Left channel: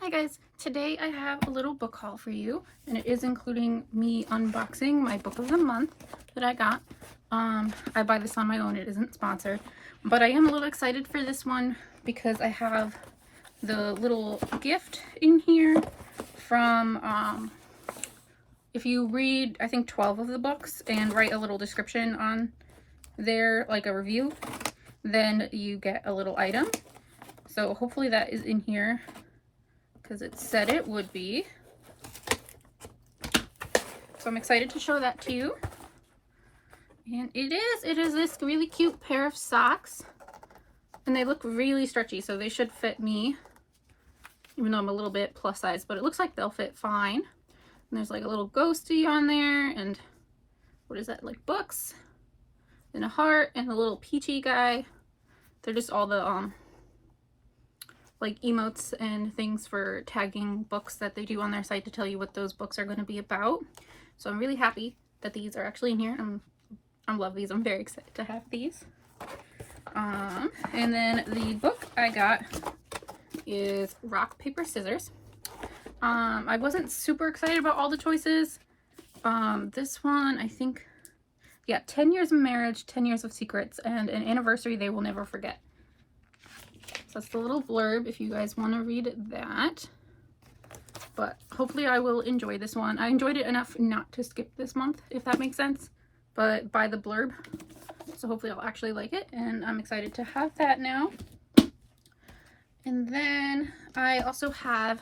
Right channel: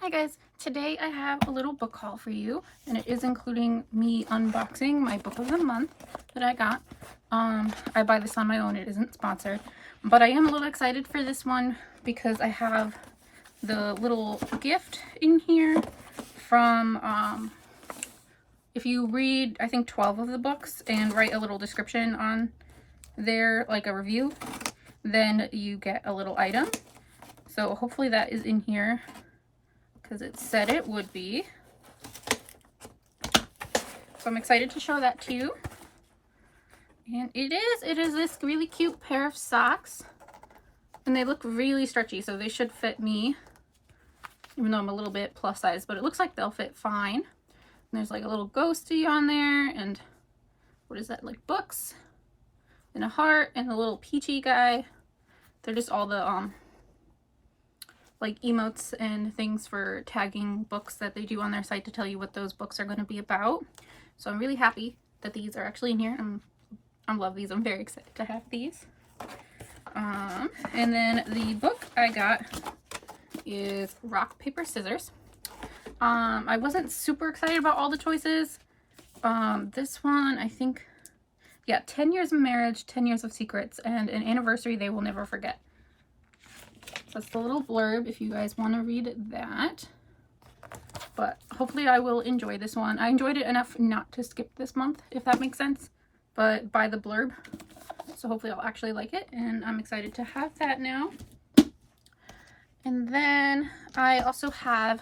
Hi guys, today I have a little book haul for you, and it is including me unboxing my book of the month that I got. I buy this on my own, it isn't sponsored, but I am a little excited for this one because I have the little gift in here from, if you read, I think 12 of the books and write a little description on there, like a review, then you get a little item. So hopefully that is in here, because it said it would be. So I'm excited to show that to you. And it is this really cute pair of socks. And they look really stretchy, so they should fit me. Even though I'm a little bit plus size, but it looks like they'll fit fine. And there's like a little ghosty on there, and what is that, like books? And a heart, and a little peachy guy. They're just all the like emotes and things for tagging books that they do on their site to tell you what those books are going to be about. So I'm really happy that these are actually in here. I love these. I'm very excited to have these. And then the book I got is Rock, Paper, Scissors. I wasn't super excited about all the choices. This one, I think, yeah, 10 years of marriage, 10 years of secrets, and an anniversary they will never forget. So that's the little blurb if you guys want to read that. But hopefully I will enjoy this one. I enjoyed it enough not to skip this month, if that makes sense, but by the blurb. So hopefully I'll actually like it, and I'm excited to have that now. And then I also have,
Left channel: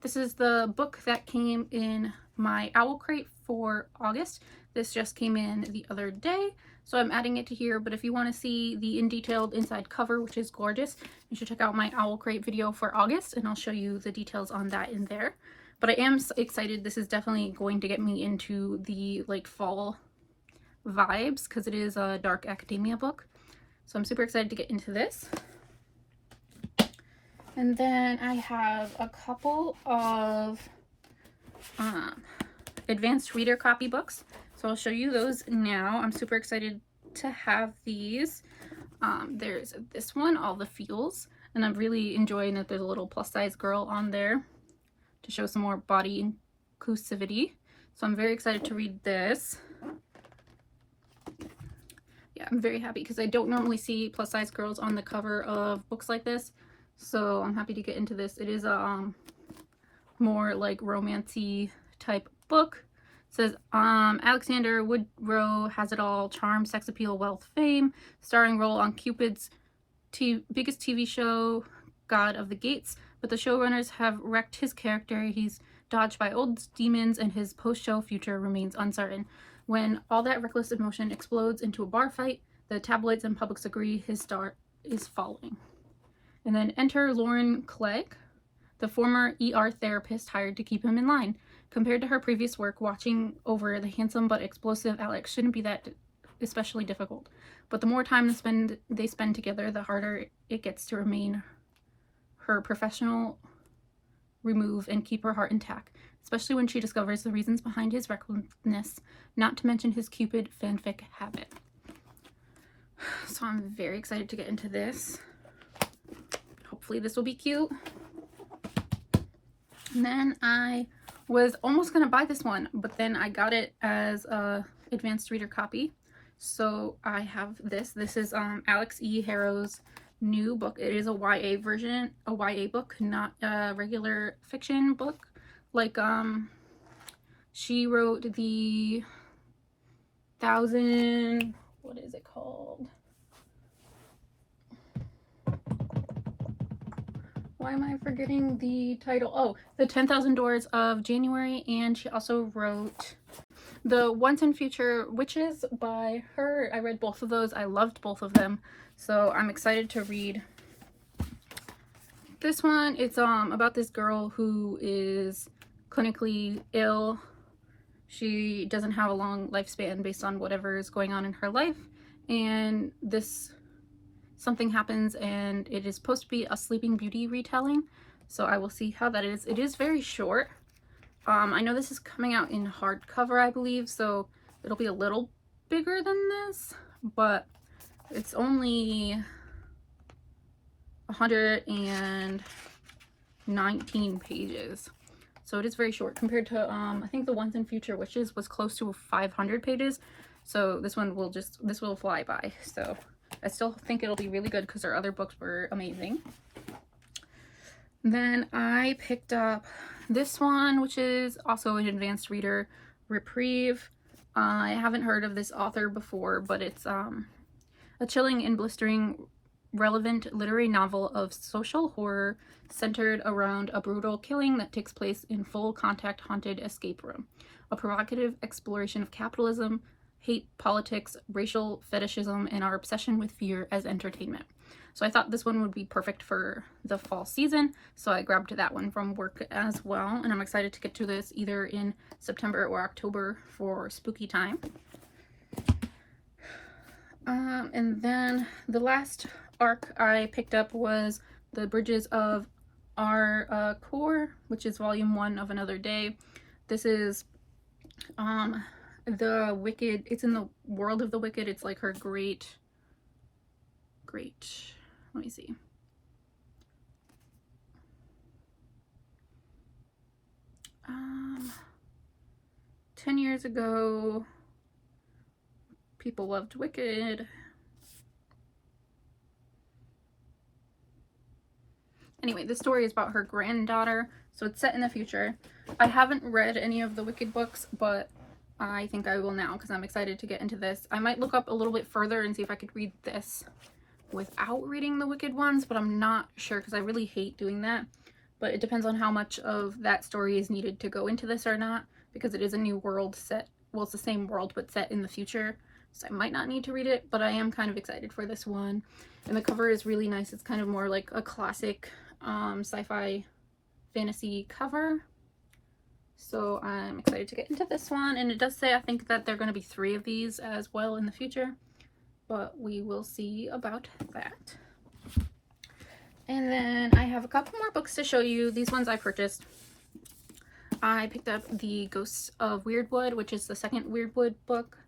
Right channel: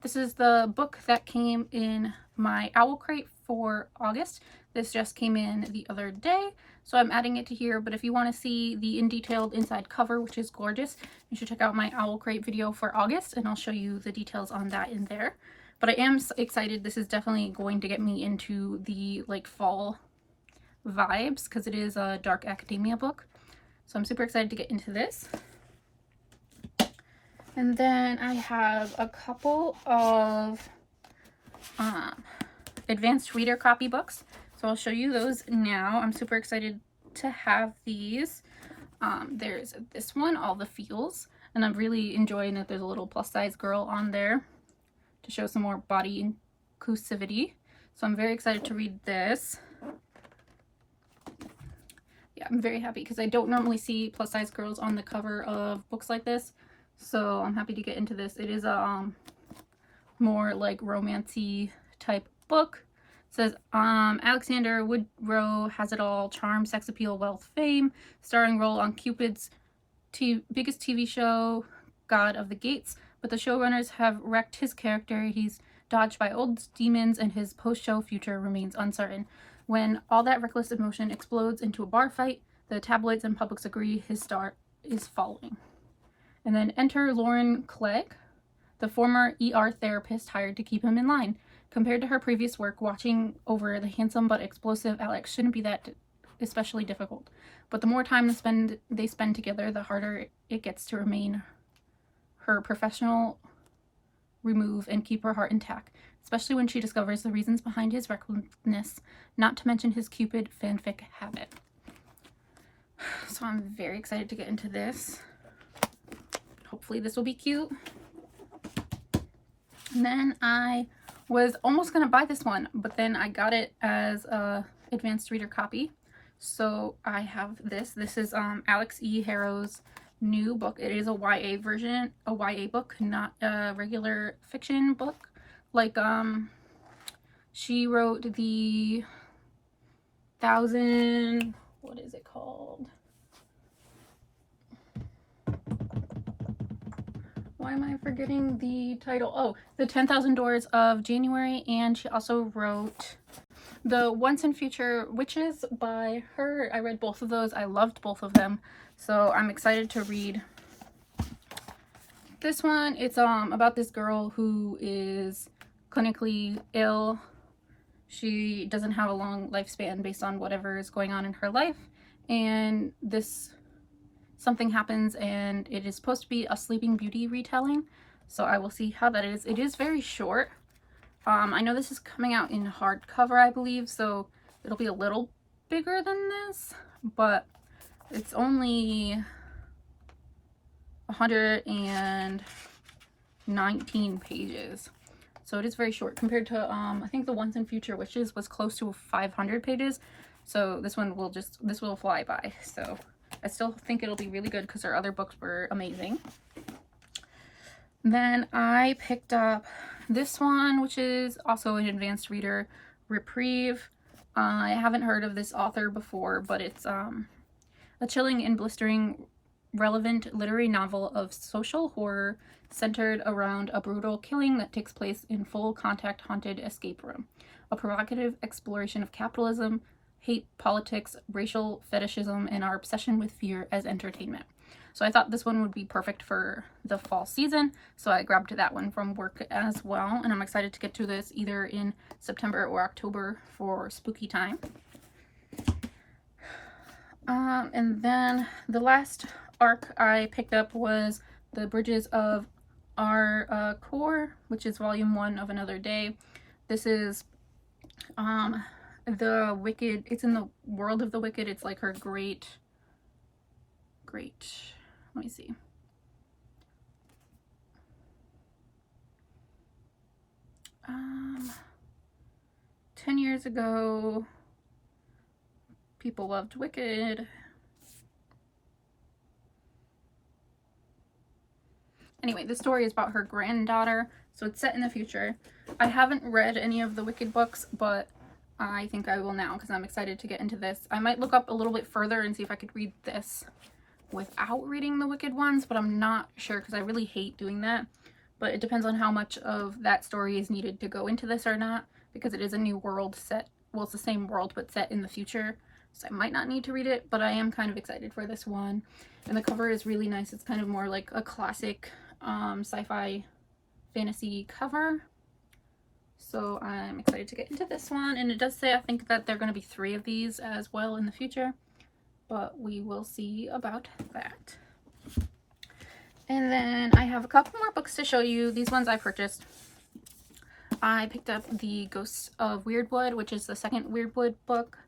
this is the book that came in my owl crate for August. This just came in the other day, so I'm adding it to here. But if you want to see the in detailed inside cover, which is gorgeous, you should check out my owl crate video for August, and I'll show you the details on that in there. But I am excited. This is definitely going to get me into the like fall vibes because it is a dark academia book. So I'm super excited to get into this. And then I have a couple of advanced reader copy books. So I'll show you those now. I'm super excited to have these. There's this one, All the Feels, and I'm really enjoying it. There's a little plus size girl on there to show some more body inclusivity. So I'm very excited to read this. Yeah, I'm very happy because I don't normally see plus size girls on the cover of books like this. So I'm happy to get into this. It is a more like romancy type book. It says Alexander Woodrow has it all: charm, sex appeal, wealth, fame, starring role on Cupid's biggest TV show, God of the Gates. But the showrunners have wrecked his character. He's dodged by old demons, and his post-show future remains uncertain. When all that reckless emotion explodes into a bar fight, the tabloids and publics agree his star is falling. And then enter Lauren Clegg, the former ER therapist hired to keep him in line. Compared to her previous work, watching over the handsome but explosive Alex shouldn't be that especially difficult. But the more time they spend together, the harder it gets to remain her professional remove and keep her heart intact, especially when she discovers the reasons behind his recklessness, not to mention his Cupid fanfic habit. So I'm very excited to get into this. Hopefully this will be cute. And then I was almost going to buy this one, but then I got it as a advanced reader copy. So I have this. This is Alex E. Harrow's new book. It is a YA version, a YA book, not a regular fiction book. Like she wrote the what is it called? Why am I forgetting the title? Oh, The 10,000 Doors of January. And she also wrote The Once and Future Witches by her. I read both of those. I loved both of them. So I'm excited to read this one. It's about this girl who is clinically ill. She doesn't have a long lifespan based on whatever is going on in her life. And something happens, and it is supposed to be a Sleeping Beauty retelling, so I will see how that is. It is very short. I know this is coming out in hardcover, I believe, so it'll be a little bigger than this, but it's only 100 and 19 pages. So it is very short compared to, I think the ones in Future Wishes was close to 500 pages. So this one will this will fly by. So I still think it'll be really good because their other books were amazing. Then I picked up this one, which is also an advanced reader, Reprieve. I haven't heard of this author before, but it's a chilling and blistering relevant literary novel of social horror centered around a brutal killing that takes place in full contact haunted escape room. A provocative exploration of capitalism, hate, politics, racial fetishism, and our obsession with fear as entertainment. So I thought this one would be perfect for the fall season, so I grabbed that one from work as well, and I'm excited to get to this either in September or October for spooky time. And then the last arc I picked up was The Bridges of Our Core, which is volume 1 of Another Day. This is the Wicked, it's in the world of the Wicked. It's like her great, let me see. Um, 10 years ago, people loved Wicked. Anyway, this story is about her granddaughter, so it's set in the future. I haven't read any of the Wicked books, but I think I will now because I'm excited to get into this. I might look up a little bit further and see if I could read this without reading the Wicked ones, but I'm not sure because I really hate doing that. But it depends on how much of that story is needed to go into this or not, because it is a new world set. Well, it's the same world, but set in the future. So I might not need to read it, but I am kind of excited for this one. And the cover is really nice. It's kind of more like a classic sci-fi fantasy cover. So I'm excited to get into this one. And it does say, I think, that there are going to be 3 of these as well in the future. But we will see about that. And then I have a couple more books to show you. These ones I purchased. I picked up The Ghosts of Weirdwood, which is the second Weirdwood book.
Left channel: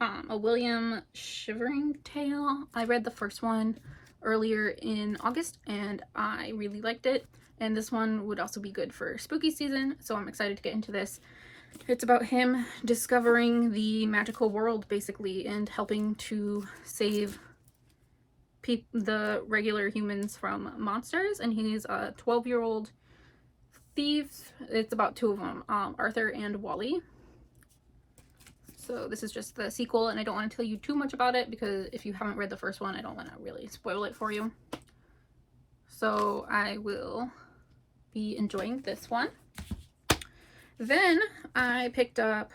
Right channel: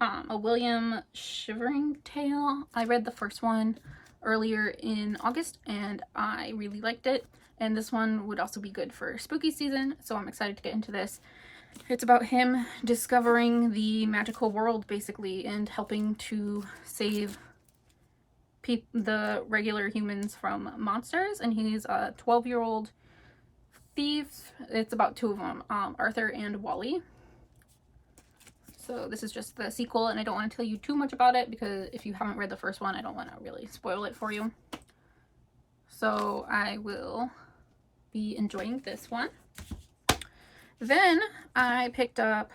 A William Shivering Tale. I read the first one earlier in August and I really liked it. And this one would also be good for spooky season, so I'm excited to get into this. It's about him discovering the magical world, basically, and helping to save the regular humans from monsters. And he's a 12-year-old thief. It's about 2 of them, Arthur and Wally. So this is just the sequel, and I don't want to tell you too much about it because if you haven't read the first one, I don't want to really spoil it for you. So I will be enjoying this one. Then I picked up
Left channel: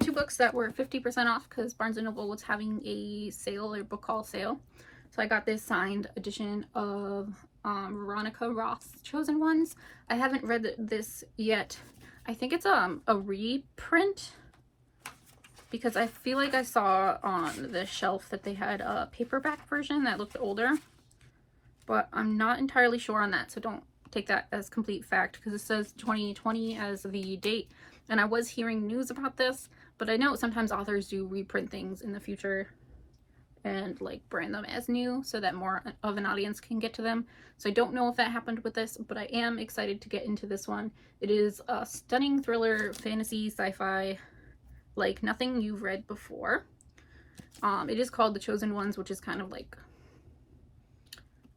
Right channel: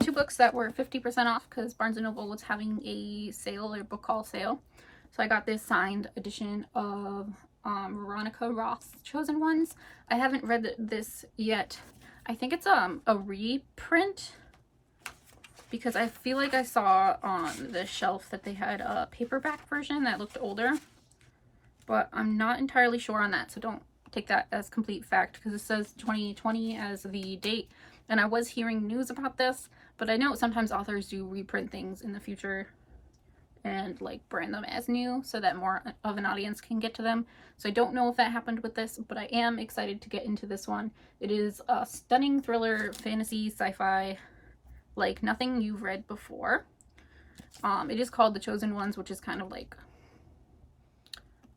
2 books that were 50% off because Barnes & Noble was having a sale, a book haul sale. So I got this signed edition of Veronica Roth's Chosen Ones. I haven't read this yet. I think it's a reprint because I feel like I saw on the shelf that they had a paperback version that looked older. But I'm not entirely sure on that, so don't take that as complete fact because it says 2020 as the date. And I was hearing news about this, but I know sometimes authors do reprint things in the future and like brand them as new so that more of an audience can get to them. So I don't know if that happened with this, but I am excited to get into this one. It is a stunning thriller, fantasy, sci-fi, like nothing you've read before. It is called The Chosen Ones, which is kind of like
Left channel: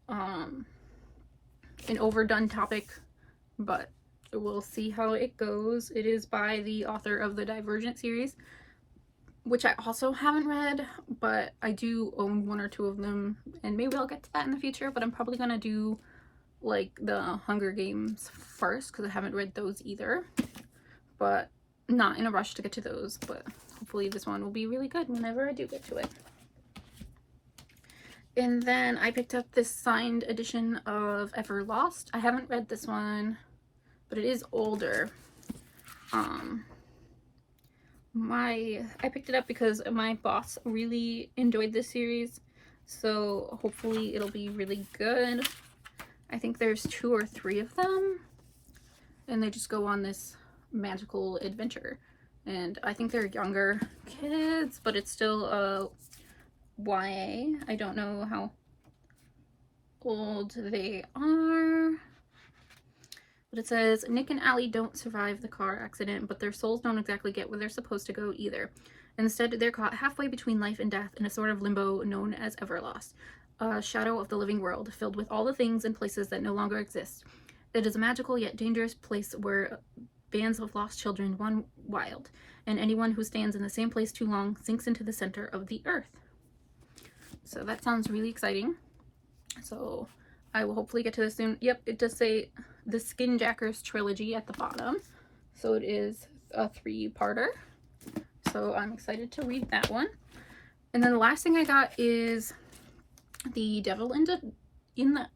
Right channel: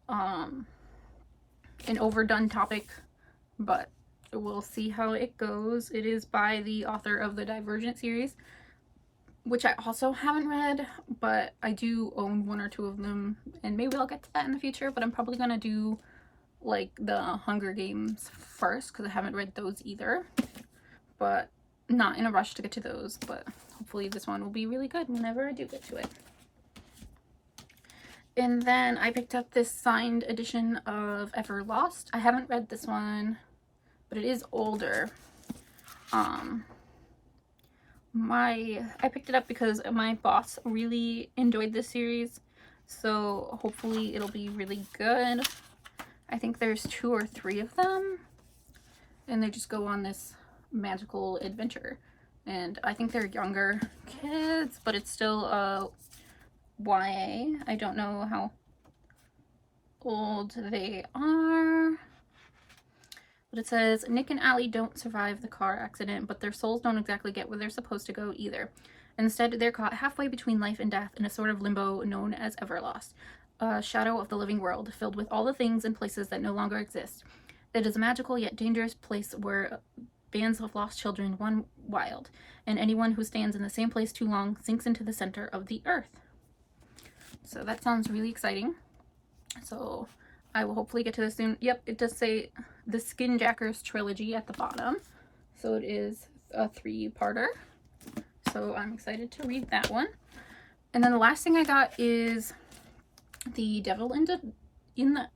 an overdone topic, but we'll see how it goes. It is by the author of the Divergent series, which I also haven't read, but I do own 1 or 2 of them, and maybe I'll get to that in the future. But I'm probably gonna do like the Hunger Games first because I haven't read those either, but not in a rush to get to those. But hopefully this one will be really good whenever I do get to it. And then I picked up this signed edition of Ever Lost. I haven't read this one, but it is older. I picked it up because my boss really enjoyed this series, so hopefully it'll be really good. I think there's 2 or 3 of them, and they just go on this magical adventure. And I think they're younger kids, but it's still a YA. I don't know how old they are. But it says, Nick and Allie don't survive the car accident, but their souls don't exactly get where they're supposed to go either. Instead, they're caught halfway between life and death in a sort of limbo known as Everlost, a shadow of the living world, filled with all the things and places that no longer exist. It is a magical yet dangerous place where bands of lost children run wild, and anyone who stands in the same place too long sinks into the center of the earth. So that sounds really exciting. So I will hopefully get to this soon. Yep, it does say the Skinjackers trilogy at the bottom. So it is a 3-parter. So I'm excited to read that one. And then the last thing I got is The Devil in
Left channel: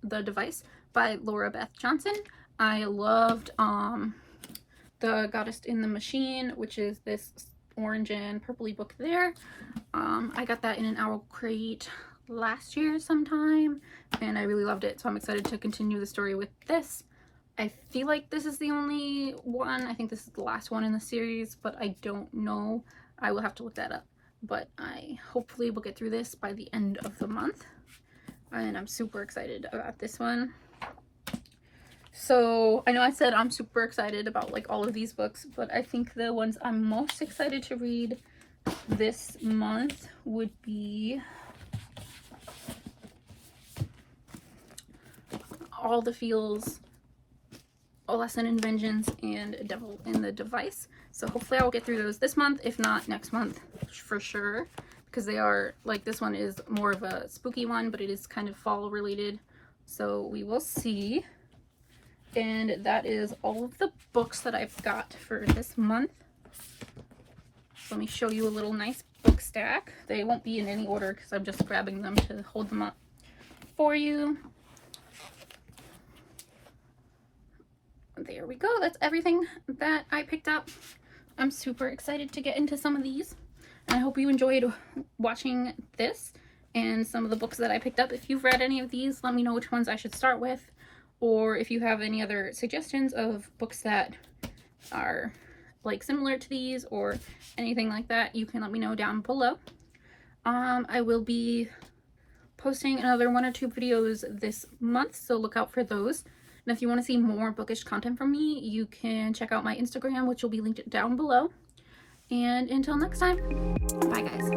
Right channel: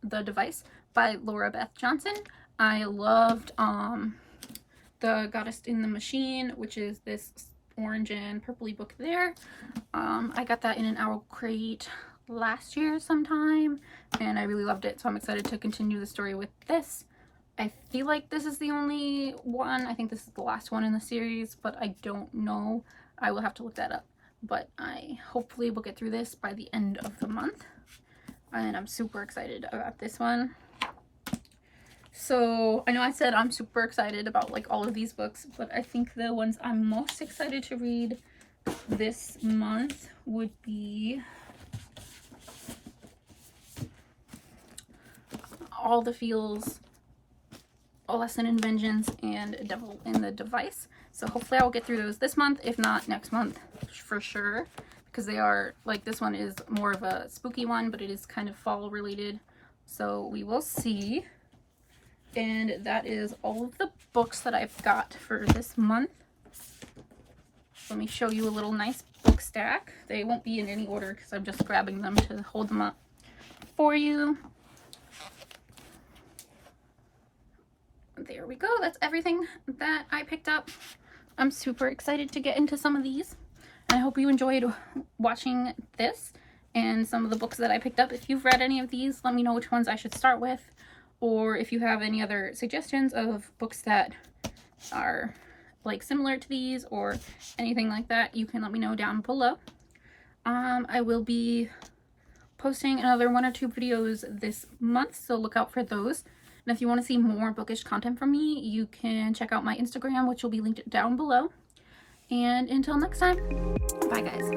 the Device by Laura Beth Johnson. I loved The Goddess in the Machine, which is this orange and purpley book there. I got that in an Owl Crate last year sometime, and I really loved it, so I'm excited to continue the story with this. I feel like this is the only one. I think this is the last one in the series, but I don't know. I will have to look that up, but I hopefully will get through this by the end of the month, and I'm super excited about this one. So I know I said I'm super excited about like all of these books, but I think the ones I'm most excited to read this month would be All the Feels, A Lesson in Vengeance, and Devil in the Device. So hopefully I will get through those this month, if not next month for sure, because they are, like, this one is more of a spooky one, but it is kind of fall related, so we will see. And that is all of the books that I've got for this month. Let me show you a little nice book stack. They won't be in any order because I'm just grabbing them to hold them up for you. There we go. That's everything that I picked up. I'm super excited to get into some of these. I hope you enjoyed watching this and some of the books that I picked up. If you've read any of these, let me know which ones I should start with. Or if you have any other suggestions of books that are like similar to these or anything like that, you can let me know down below. I will be posting another 1 or 2 videos this month, so look out for those. And if you want to see more bookish content from me, you can check out my Instagram, which will be linked down below. And until next time, bye guys.